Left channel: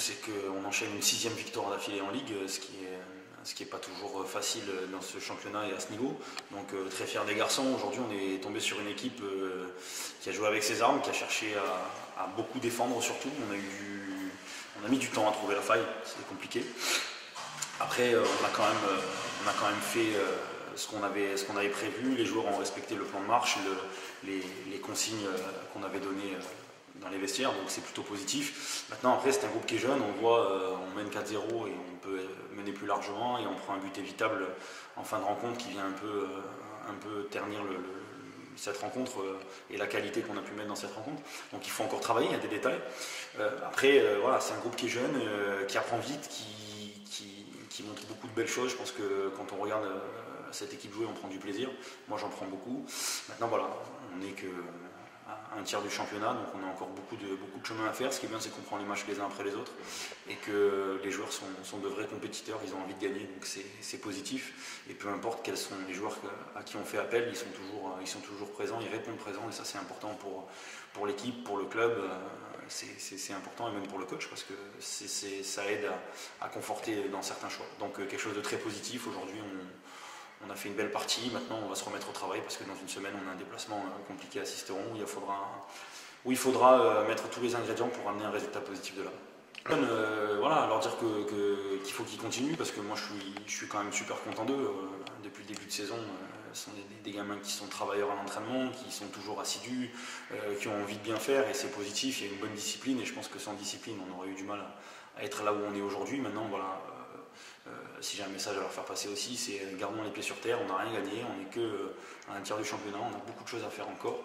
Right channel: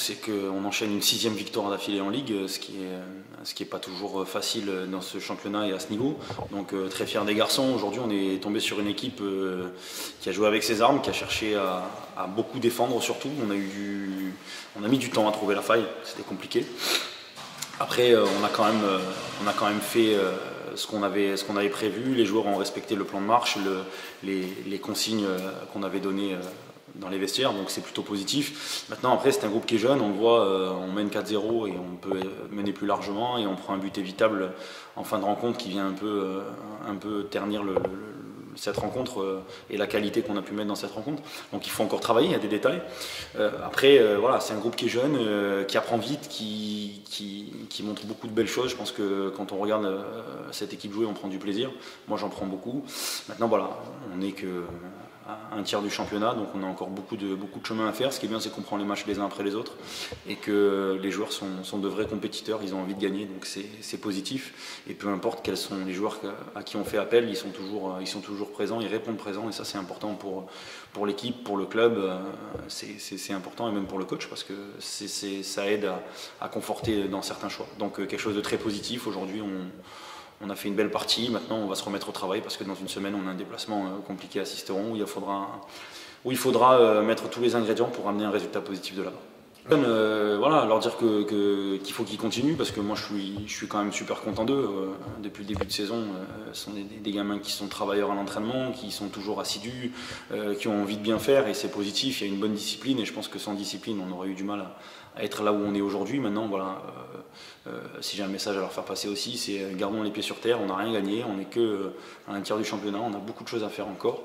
c'est qu'on enchaîne une 6e victoire d'affilée en Ligue, ce qui est pas toujours facile dans ce championnat et à ce niveau. Donc très fier des garçons. Aujourd'hui, on est tombé sur une équipe qui a joué avec ses armes, qui a cherché à beaucoup défendre surtout. On a mis du temps à trouver la faille, c'était compliqué. Après, on a quand même fait ce qu'on avait prévu. Les joueurs ont respecté le plan de marche, les consignes qu'on avait données dans les vestiaires, donc c'est plutôt positif. Maintenant, après, c'est un groupe qui est jeune, on voit, on mène 4-0 et on peut mener plus largement, et on prend un but évitable en fin de rencontre qui vient un peu ternir cette rencontre et la qualité qu'on a pu mettre dans cette rencontre. Donc il faut encore travailler, il y a des détails. Après, voilà, c'est un groupe qui est jeune, qui apprend vite, qui montre beaucoup de belles choses. Je pense que quand on regarde cette équipe jouer, on prend du plaisir. Moi, j'en prends beaucoup. Maintenant, voilà, on n'est que un tiers du championnat, donc on a encore beaucoup de chemin à faire. Ce qui est bien, c'est qu'on prend les matchs les uns après les autres et que les joueurs sont de vrais compétiteurs, ils ont envie de gagner, donc c'est positif. Et peu importe quels sont les joueurs à qui on fait appel, ils sont toujours présents, ils répondent présents, et ça c'est important pour l'équipe, pour le club, c'est important, et même pour le coach, parce que ça aide à conforter dans certains choix. Donc quelque chose de très positif. Aujourd'hui, on a fait une belle partie. Maintenant, on va se remettre au travail, parce que dans une semaine, on a un déplacement compliqué à Sisteron où il faudra mettre tous les ingrédients pour amener un résultat positif de là-bas. Voilà, leur dire qu'il faut qu'ils continuent, parce que moi je suis quand même super content d'eux. Depuis le début de saison, ce sont des gamins qui sont travailleurs à l'entraînement, qui sont toujours assidus, qui ont envie de bien faire, et c'est positif. Il y a une bonne discipline, et je pense que sans discipline, on aurait eu du mal à être là où on est aujourd'hui. Maintenant, voilà. Si j'ai un message à leur faire passer aussi, c'est gardons les pieds sur terre, on n'a rien gagné, on n'est qu'à un tiers du championnat, on a beaucoup de choses à faire encore.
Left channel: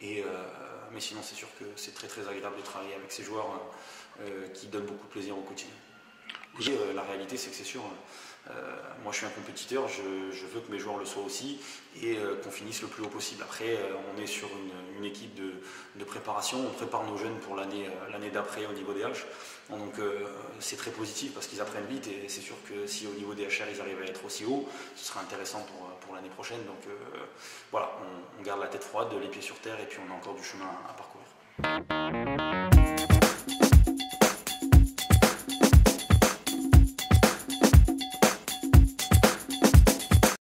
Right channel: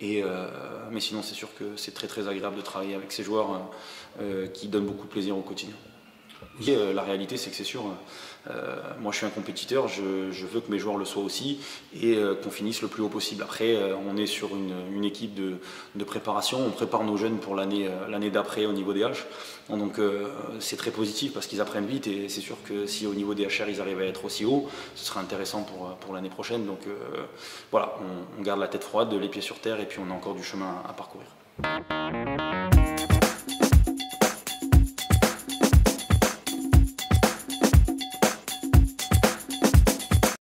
Mais sinon, c'est sûr que c'est très très agréable de travailler avec ces joueurs qui donnent beaucoup de plaisir au quotidien. Et, la réalité, c'est que c'est sûr, moi je suis un compétiteur, je veux que mes joueurs le soient aussi, et qu'on finisse le plus haut possible. Après, on est sur une équipe de préparation, on prépare nos jeunes pour l'année d'après au niveau des H. Donc c'est très positif, parce qu'ils apprennent vite, et c'est sûr que si au niveau des HR ils arrivent à être aussi haut, ce sera intéressant pour l'année prochaine. Donc voilà, on garde la tête froide, les pieds sur terre, et puis on a encore du chemin à parcourir.